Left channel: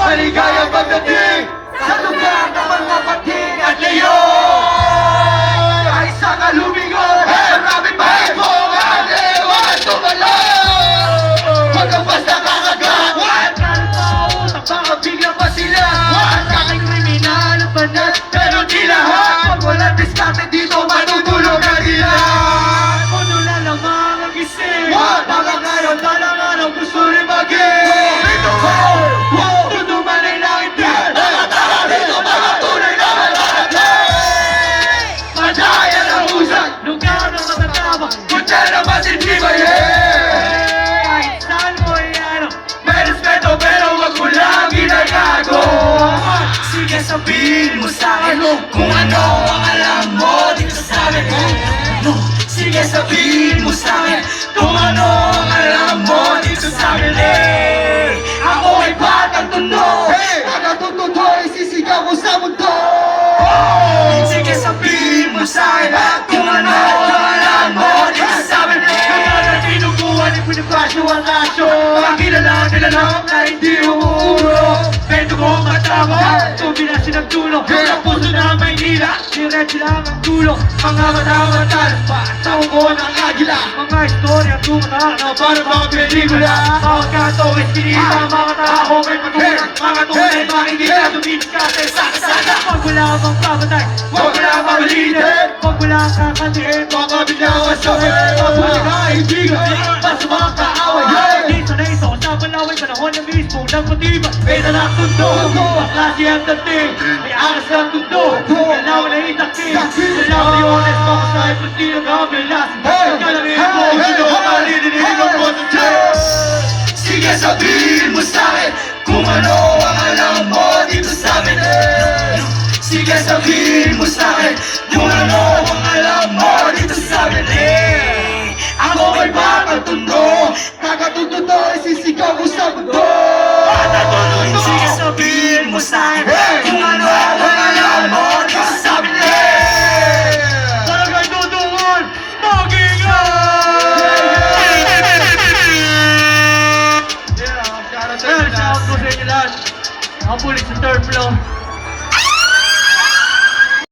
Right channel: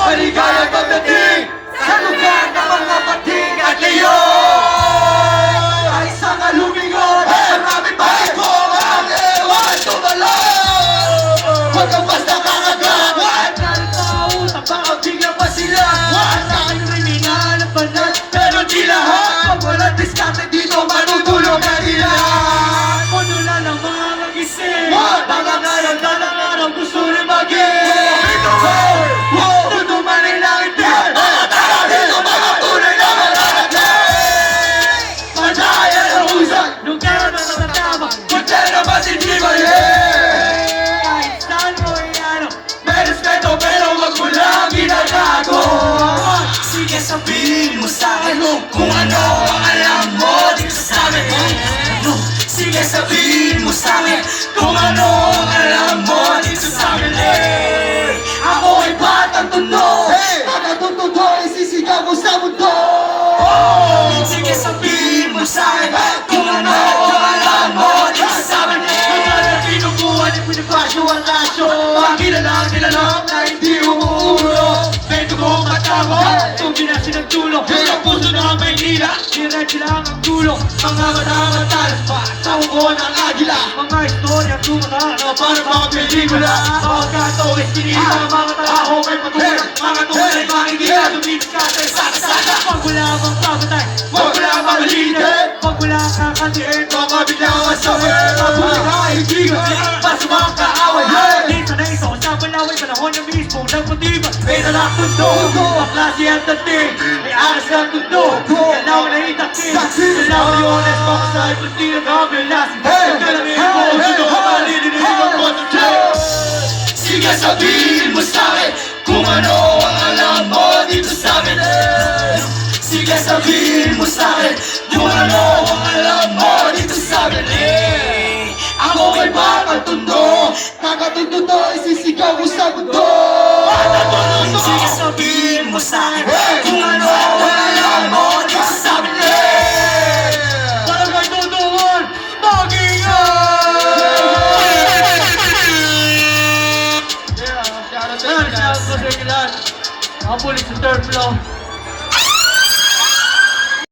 Maligaya pagdating sa lugar ng mga pating at But not. Sabihin mo sa'kin kung ano ang alam mo dito sa amin Ano? Sige sabihin pinipasyo ang asyo Pakilala kilala na hindi umuulo Bento ko ang matama Tubi na sinagtulo Ang puso na Maynila Diretso lang ang dulo Mga mata-matal Sa uko ng agila. Mga istorya tumata na Para mga pelikula. Mga gatong eskinita Mga tao may patulang Mga tunay makikita Tumibig ka sa sana Pag wala bang pamatay Huwag mo lang mamalinin Pag wala kang katiin Mga biglang asawi Mabuti Na mismo Nagpatibay May nalang tundo Ang klase ang dating. May aras ng tundo Ganaw na itakting Ganaw ni honest Kung sa'y puti ng kabilas. Kalangin mo Sino ka malilinig ang boses Sige sabihin mo sa'kin Kung ano ang alam mo dito sa amin. Sige sabihin mo sa'kin Kung ano ang alam mo dito sa amin. Eh. Ako ay batang tundo Kakatundo to ay sisigaw ko sa mundo Out to inyo lahat. Ang pulis sa third floor.